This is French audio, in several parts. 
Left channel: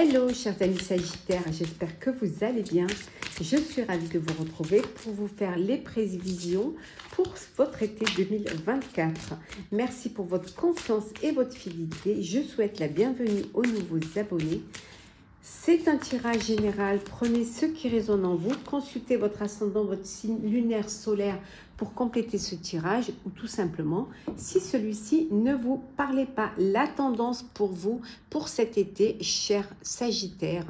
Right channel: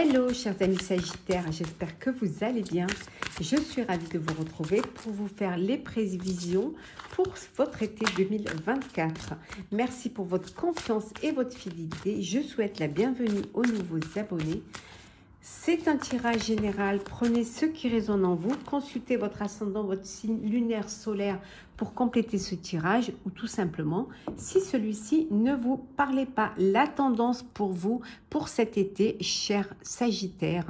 Hello chers amis Sagittaires, j'espère que vous allez bien. Je suis ravie de vous retrouver pour vous faire les prévisions pour votre été 2024. Merci pour votre confiance et votre fidélité. Je souhaite la bienvenue aux nouveaux abonnés. C'est un tirage général, prenez ce qui résonne en vous, consultez votre ascendant, votre signe lunaire solaire pour compléter ce tirage ou tout simplement, si celui-ci ne vous parlait pas, la tendance pour vous, pour cet été, chers Sagittaires,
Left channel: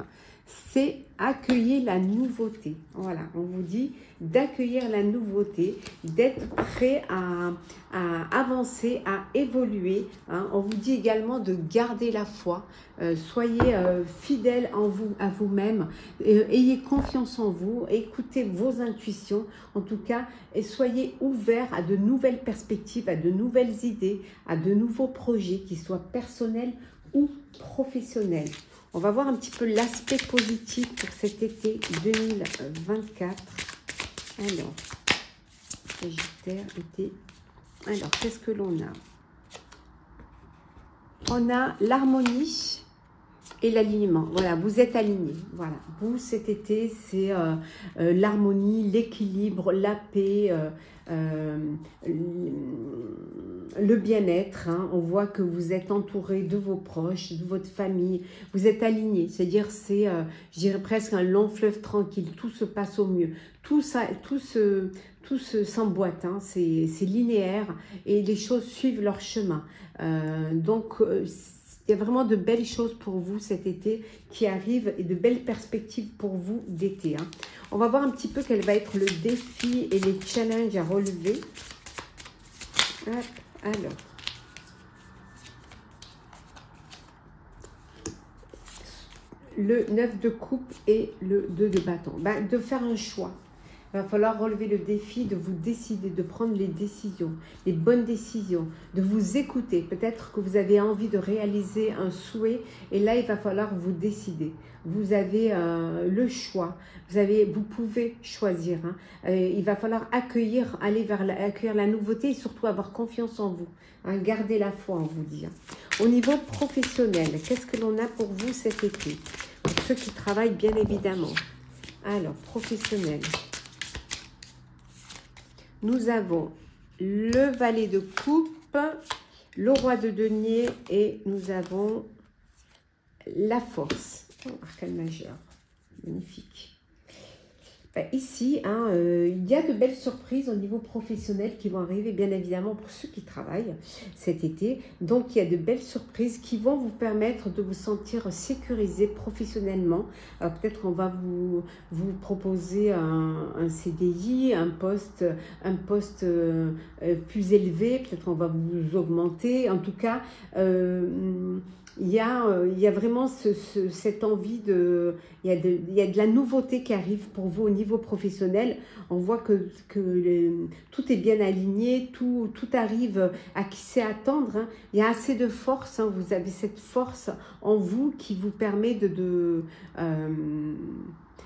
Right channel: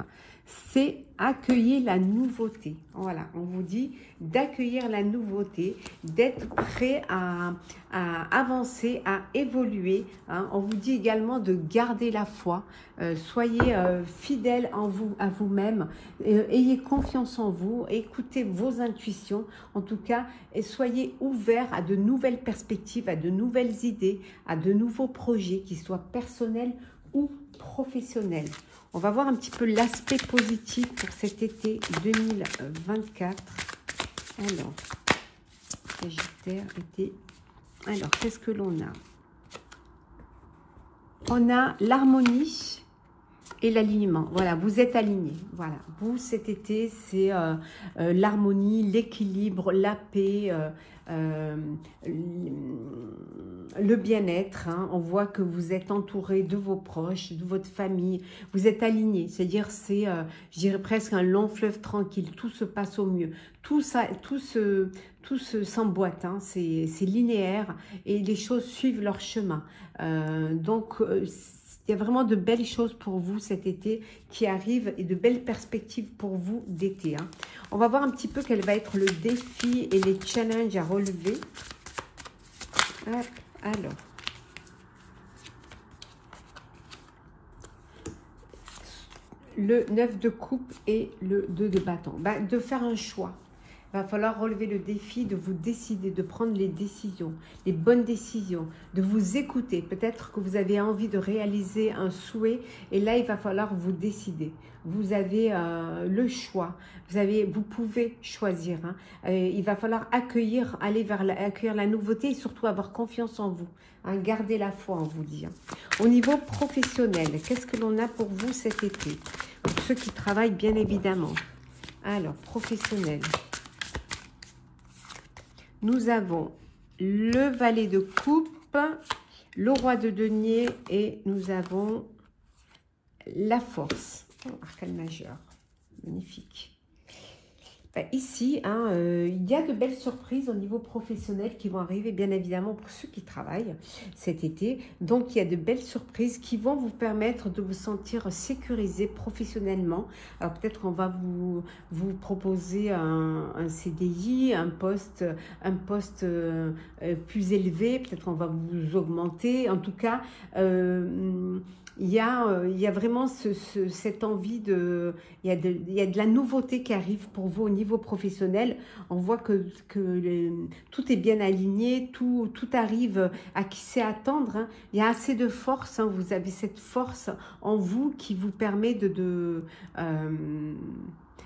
c'est accueillir la nouveauté. Voilà, on vous dit d'accueillir la nouveauté, d'être prêt à avancer, à évoluer. Hein. On vous dit également de garder la foi. Soyez fidèles en vous, à vous-même. Ayez confiance en vous. Écoutez vos intuitions. En tout cas, et soyez ouverts à de nouvelles perspectives, à de nouvelles idées, à de nouveaux projets, qu'ils soient personnels ou professionnels. On va voir un petit peu l'aspect positif pour cet été 2024. Alors, Sagittaire, été. Alors, qu'est-ce que l'on a? On a l'harmonie et l'alignement. Voilà, vous êtes alignés. Voilà, vous, cet été, c'est l'harmonie, l'équilibre, la paix, le bien-être. Hein. On voit que vous êtes entouré de vos proches, de votre famille. Vous êtes alignés. C'est-à-dire, c'est, je dirais presque un long fleuve tranquille. Tout se passe au mieux. Tout s'emboîte. Hein. C'est linéaire et les choses suivent leur chemin. Il y a vraiment de belles choses pour vous cet été qui arrivent et de belles perspectives pour vous d'été. Hein. On va voir un petit peu quel va être le défi et les challenges à relever. Alors, le 9 de coupe et le 2 de bâton. De faire un choix. Il va falloir relever le défi de vous décider, de prendre les décisions, les bonnes décisions, de vous écouter. Peut-être que vous avez envie de réaliser un souhait et là, il va falloir vous décider. Vous avez le choix, vous pouvez choisir. Hein. Il va falloir accueillir la nouveauté et surtout avoir confiance en vous. Hein, gardez la foi, on vous dit. Hein. Au niveau professionnel, qu'est-ce que l'on a pour vous cet été? Pour ceux qui travaillent, bien évidemment. Alors, professionnel. Nous avons le valet de coupe, le roi de denier et nous avons la force. Arcane majeur, magnifique. Ici, hein, il y a de belles surprises au niveau professionnel qui vont arriver, bien évidemment, pour ceux qui travaillent cet été. Donc, il y a de belles surprises qui vont vous permettre de vous sentir sécurisé professionnellement. Alors, peut-être qu'on va vous proposer un CDI, un poste plus élevé. Peut-être qu'on va vous augmenter. En tout cas, il y a vraiment cette envie il y a de la nouveauté qui arrive pour vous au niveau professionnel. On voit que tout est bien aligné, tout arrive à qui sait attendre. Hein. Il y a assez de force, hein. Vous avez cette force en vous qui vous permet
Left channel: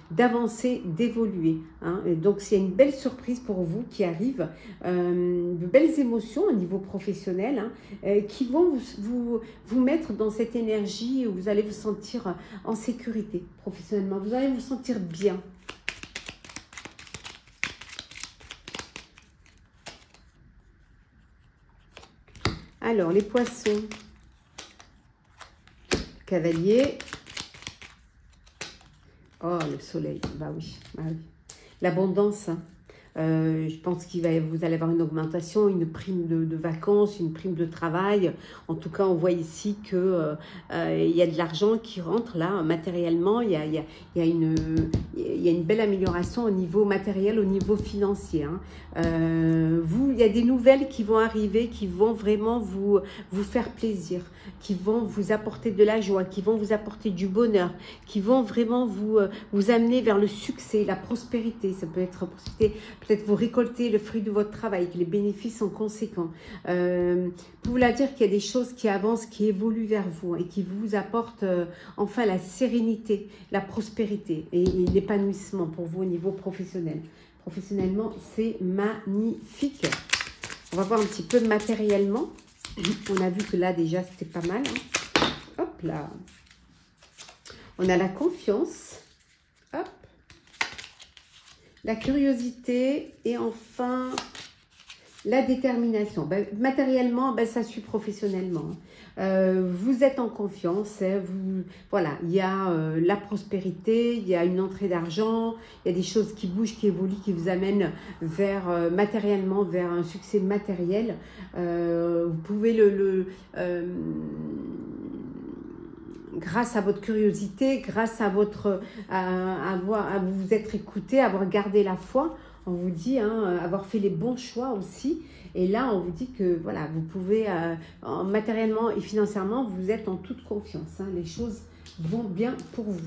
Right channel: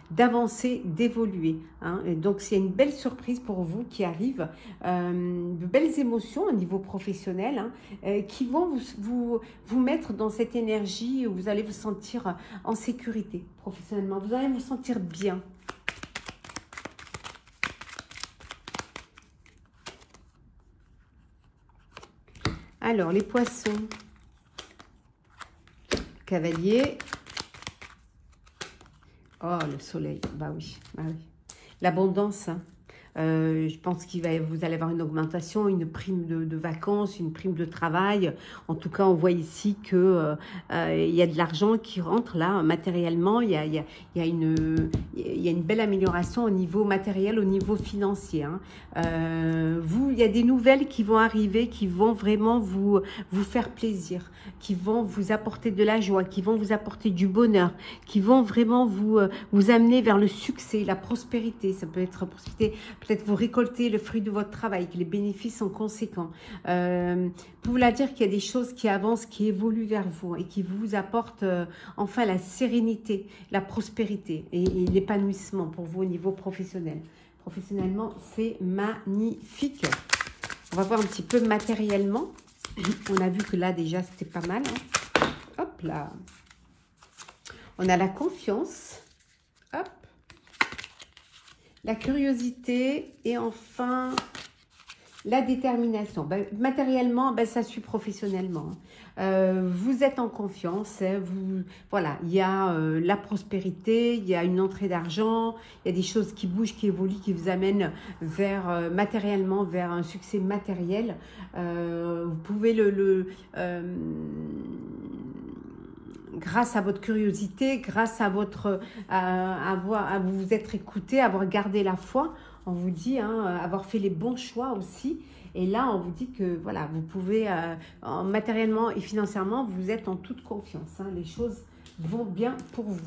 d'avancer, d'évoluer. Hein. Donc, c'est une belle surprise pour vous qui arrive, de belles émotions au niveau professionnel hein, qui vont vous mettre dans cette énergie où vous allez vous sentir en sécurité professionnellement. Vous allez vous sentir bien. Alors, les poissons, cavalier. Oh, le soleil, bah oui. L'abondance, hein. Je pense vous allez avoir une augmentation, une prime de vacances, une prime de travail. En tout cas, on voit ici que il y a de l'argent qui rentre là, matériellement. Il y a une belle amélioration au niveau matériel, au niveau financier. Hein. Il y a des nouvelles qui vont arriver, qui vont vraiment vous faire plaisir, qui vont vous apporter de la joie, qui vont vous apporter du bonheur, qui vont vraiment vous amener vers le succès, la prospérité. Ça peut être peut-être vous récoltez le fruit de votre travail, les bénéfices sont conséquents. Pour vous dire qu'il y a des choses qui avancent, qui évoluent vers vous et qui vous apportent enfin la sérénité, la prospérité et l'épanouissement pour vous au niveau professionnel. Professionnellement, c'est magnifique. On va voir un petit peu matériellement. On a vu que là, déjà, c'était pas mal. Hein. Hop là. On a la confiance, hop, la curiosité et enfin la détermination. Ben, matériellement, ben, ça suit professionnellement. Vous êtes en confiance. Hein, voilà, il y a la prospérité, il y a une entrée d'argent, il y a des choses qui bougent, qui évoluent, qui vous amènent vers matériellement, vers un succès matériel. Vous pouvez grâce à votre curiosité, grâce à votre à vous être écouté, avoir gardé la foi, on vous dit, hein, avoir fait les bons choix aussi. Et là, on vous dit que voilà, vous pouvez, matériellement et financièrement, vous êtes en toute confiance. Hein, les choses vont bien pour vous.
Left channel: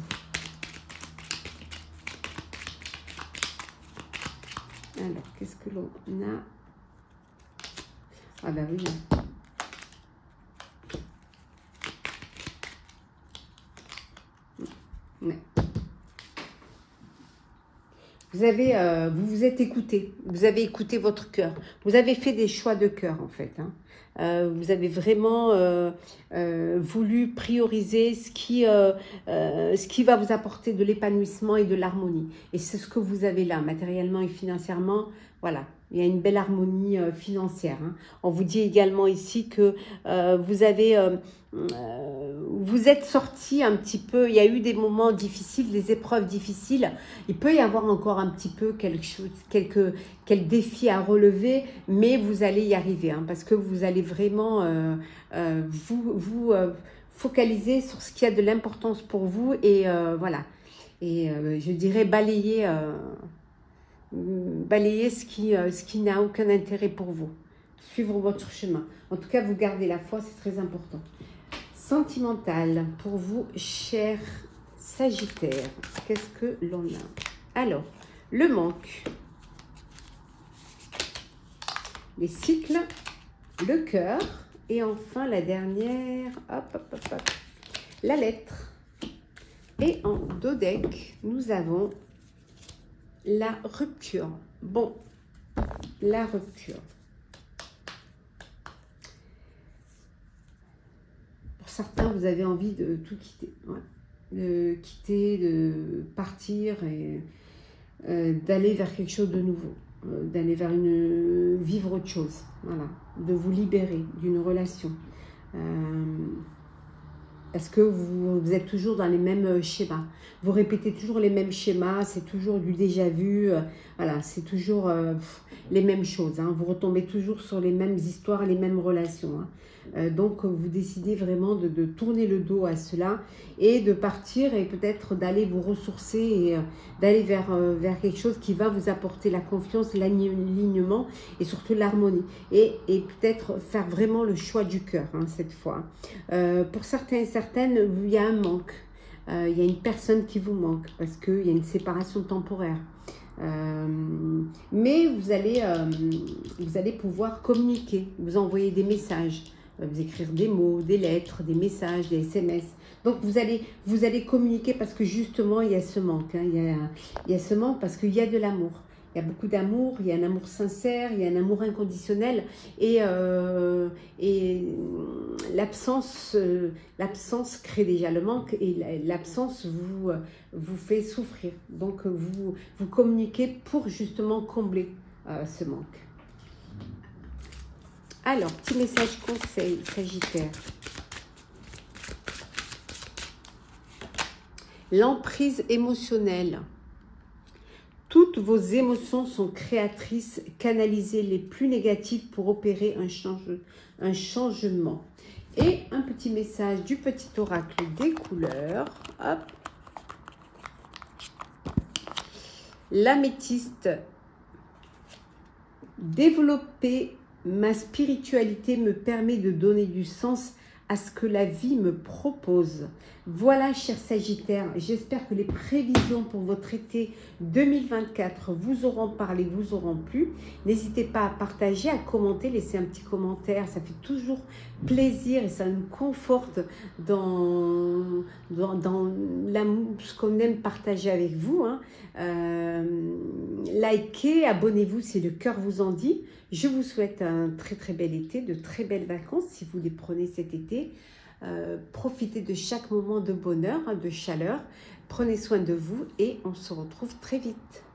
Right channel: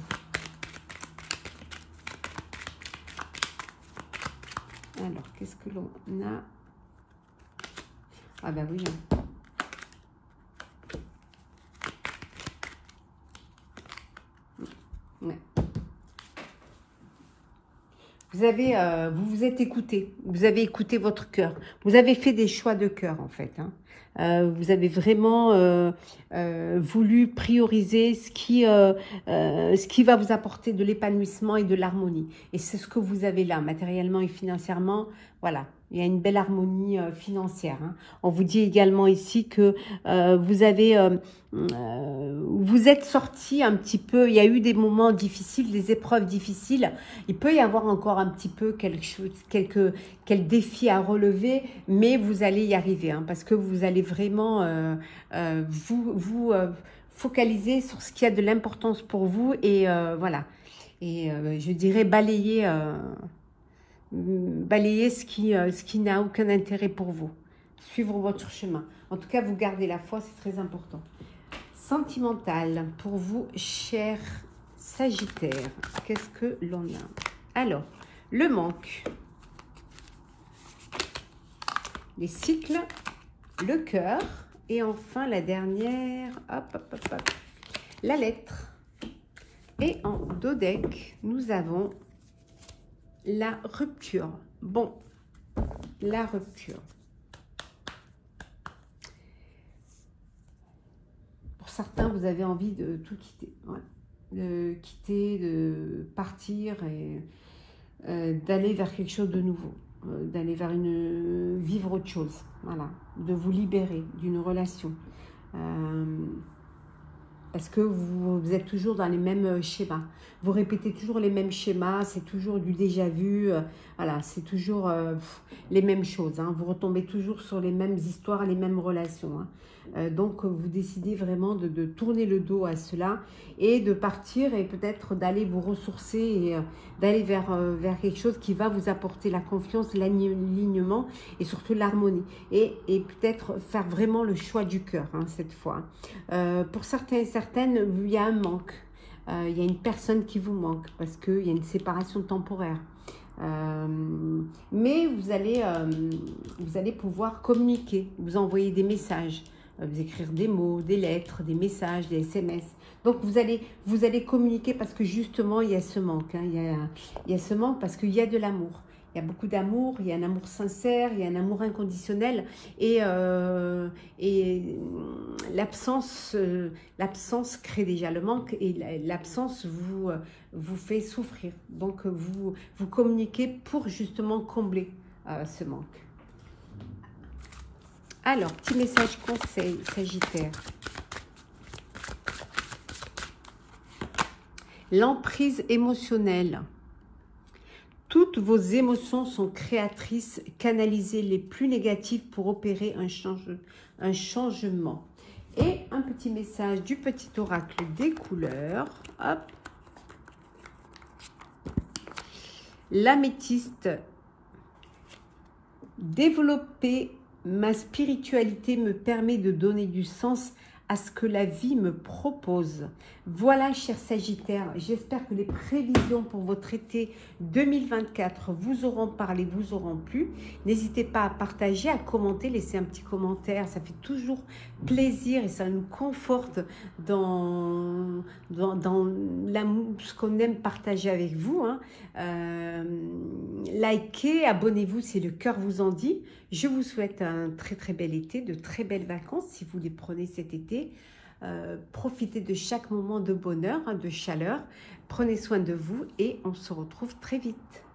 Alors, qu'est-ce que l'on a? Ah ben oui. Ouais. Vous vous êtes écouté, vous avez écouté votre cœur, vous avez fait des choix de cœur en fait. Hein. Vous avez vraiment voulu prioriser ce qui va vous apporter de l'épanouissement et de l'harmonie. Et c'est ce que vous avez là, matériellement et financièrement. Voilà, il y a une belle harmonie financière. Hein. On vous dit également ici que vous êtes sorti un petit peu, il y a eu des moments difficiles, des épreuves difficiles. Il peut y avoir encore un petit peu quelques défis à relever, mais vous allez y arriver, hein, parce que vous allez vraiment vous focaliser sur ce qui a de l'importance pour vous et voilà. Et je dirais balayer ce qui n'a aucun intérêt pour vous. Suivre votre chemin. En tout cas, vous gardez la foi, c'est très important. Sentimental pour vous, cher Sagittaire. Qu'est-ce que l'on a? Alors, le manque, les cycles, le cœur et enfin la dernière, hop, hop, hop, hop, la lettre. Et en dodeck, nous avons la rupture. Bon, la rupture. Pour certains, vous avez envie de tout quitter. Ouais. De partir et d'aller vers quelque chose de nouveau. D'aller vers vivre autre chose. Voilà. De vous libérer d'une relation. Parce que vous êtes toujours dans les mêmes schémas. Vous répétez toujours les mêmes schémas, c'est toujours du déjà vu. Voilà, c'est toujours les mêmes choses. Hein. Vous retombez toujours sur les mêmes histoires, les mêmes relations. Hein. Donc, vous décidez vraiment de tourner le dos à cela et de partir et peut-être d'aller vous ressourcer et d'aller vers quelque chose qui va vous apporter la confiance, l'alignement et surtout l'harmonie. Et peut-être faire vraiment le choix du cœur, hein, cette fois. Pour certains et certaines, il y a un manque. Il y a une personne qui vous manque parce qu'il y a une séparation temporaire. Mais vous allez pouvoir communiquer, vous envoyer des messages, vous écrire des mots, des lettres, des messages, des SMS. Donc vous allez communiquer parce que justement il y a ce manque. Hein, il y a ce manque parce qu'il y a de l'amour. Il y a beaucoup d'amour, il y a un amour sincère, il y a un amour inconditionnel et l'absence crée déjà le manque et l'absence vous fait souffrir. Donc vous communiquez pour justement combler ce manque. Alors, petit message conseil, Sagittaire. L'emprise émotionnelle. Toutes vos émotions sont créatrices, canalisez les plus négatives pour opérer un changement. Et un petit message du petit oracle des couleurs. Hop. L'améthyste. Développer ma spiritualité me permet de donner du sens à ce que la vie me propose. Voilà, chers Sagittaires, j'espère que les prévisions pour votre été 2024 vous auront parlé, vous auront plu. N'hésitez pas à partager, à commenter, laisser un petit commentaire, ça fait toujours plaisir et ça nous conforte dans ce qu'on aime partager avec vous. Hein. Likez, abonnez-vous si le cœur vous en dit. Je vous souhaite un très très bel été, de très belles vacances si vous les prenez cet été. Profitez de chaque moment de bonheur, de chaleur. Prenez soin de vous et on se retrouve très vite.